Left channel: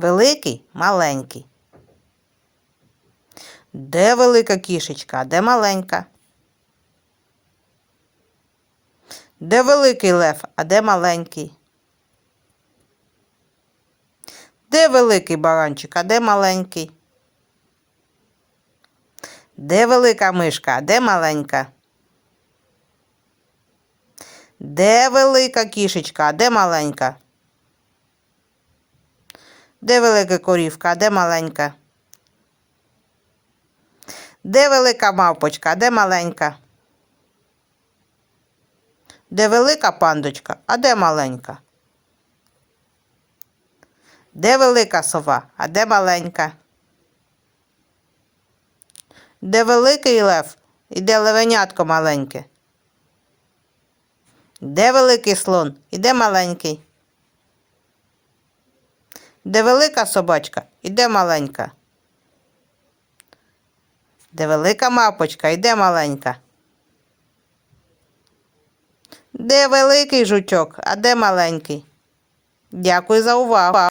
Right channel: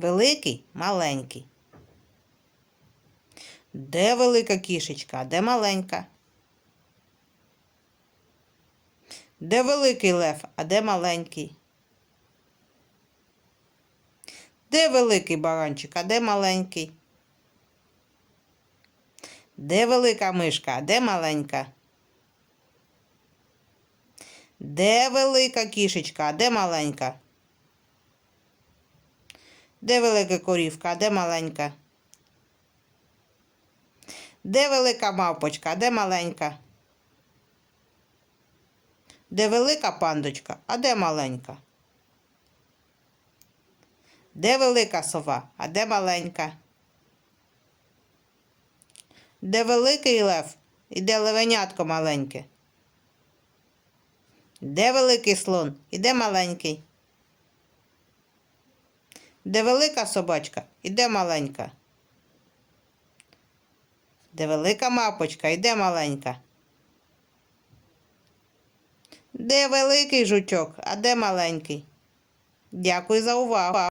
Великий, маленький. Де велика кішечка, а де маленька? Де великий лев, а де маленький? Де великий баранчик, а де маленький? Де велика мишка, а де маленька? Де велика кішечка, а де маленька? Де велика корівка, а де маленька? Де велика мавпочка, а де маленька? Де велика пандочка, а де маленька? Де велика сова, а де маленька? Де великий лев і де левенятко маленьке? Де великий слон і де маленький? Де велика собачка і маленька? Де велика мапочка і маленька? Де великий жучок, а де маленький? Дякую за увагу.